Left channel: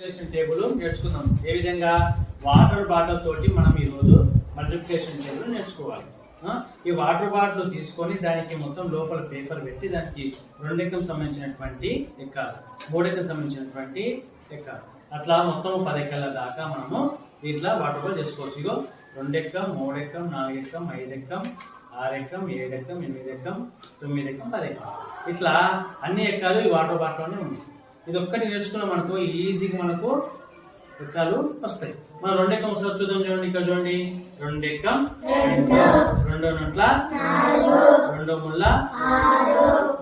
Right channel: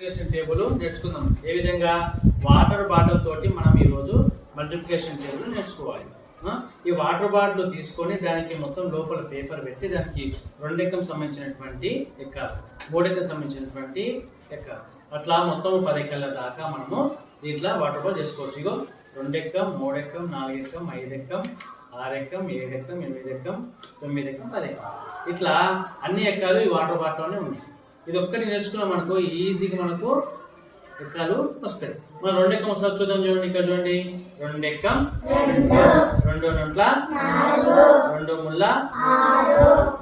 Multiplication table నేర్చుకుందాం. ఏ విధంగా water bottle తోటి మనం ఈరోజు మల్టిప్లికేషన్ టేబుల్ నేర్చుకోవాలి. ఈ వాటర్ బాటిల్ తీసుకొని దానికి మొత్తం లోపల పేపర్ పెట్టి దానికి 2 ఎక్కం సంబంధించినటువంటి ఎక్కాలి, 3 ఎక్కం సంబంధించినటువంటి ఎక్కాలి. అట్లా మొత్తం 10 ఎక్కల దాకా మనము ఇట్లా వాటర్ బాటిల్ చేసుకోవచ్చు. ఇగో 2 ఎక్కం, 3 ఎక్కం, 4 ఎక్కం, 5 ఎక్కం, 6 ఎక్కం, 7 ఎక్కం, 8 ఎక్కం, 9 ఎక్కం, 10 ఎక్కం, ఇట్లా అన్ని ఎక్కాలు ఈ వాటర్ బాటిల్లోనే ఉన్నాయి. ఇది ఒక్కటి నేర్చుకున్నాం అనుకో ఈజీగా మనకు ఎక్కాలు వస్తాయి. మనం 2 ఎక్కం వస్తారు చూద్దాం. చూడండి, ఇక్కడ చూడండి, 2 ఎక్కం, 2 నొట్ల, 2 ముళ్ళ,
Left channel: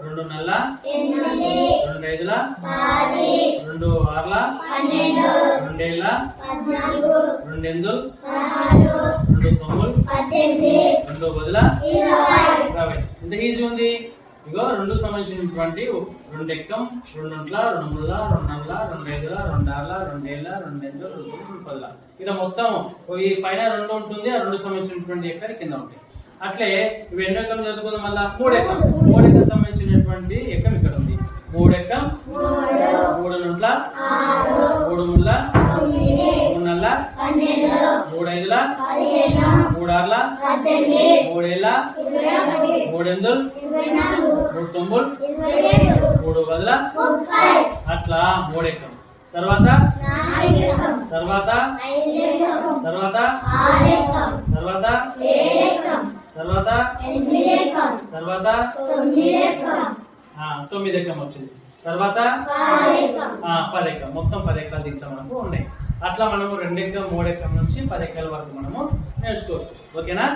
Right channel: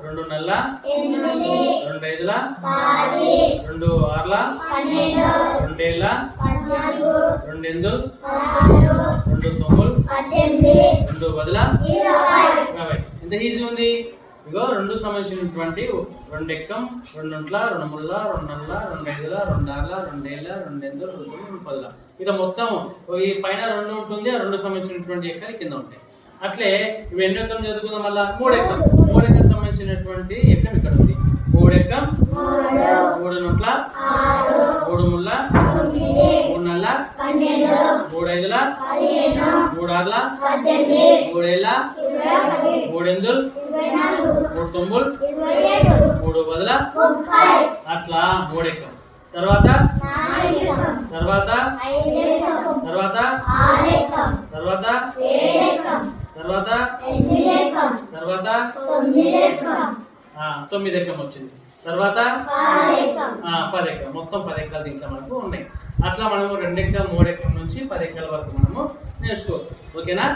2 నల్ల, 2 ఐదుల, 2 ఆర్ల, 2 ఏళ్ళ, 2 ఎందులు, 2 తొమ్ములు, 2 బదుల 20. ఎంత ఈజీ ఉంది. ఇగో 2 సంబంధించినటువంటి 2 ఎక్కం, 2 నొట్ల, 2 ముళ్ళ, 2 నల్ల, 2 ఐదుల, 2 ఆర్ల, 2 ఏళ్ళ, 2 ఎందులు, 2 తొమ్ములు, 2 పదుల. ఇక మొత్తం ఈ పైన 2 ఉంటుంది, ఆ 2 సంబంధించినటువంటి ఎక్కలు కింద ఉంటాయి. అట్లే ఇవి ఎన్ని ఎక్కం చదువుకుందాం. మళ్ళా 3 ఎక్కం, 3 ఎక్కం సంబంధించినటువంటి ఎక్కం ఇక్కడ ఉంది. 3 ఎక్కం, 3 నొట్ల, 3 ముళ్ళ, 3 నల్ల, 3 ఐదుల, 3 ఆర్ల, 3 ఏళ్ళ, 3 ఎందులు, 3 తొమ్ములు, 3 బదుల, అట్లా 3 ఎక్కం. తర్వాత తర్వాత తర్వాత తర్వాత తర్వాత తర్వాత 9 ఎక్కం వచ్చింది. తర్వాత 10 ఎక్కం. మొత్తం 10 ఎక్కలు దీంట్లో మనకు ఉన్నాయి. అట్లా మనము 2 ఎక్కం, 3 ఎక్కం నుంచి 10 ఎక్కల వరకు మనము నేర్చుకోవచ్చు. ఓకేనా?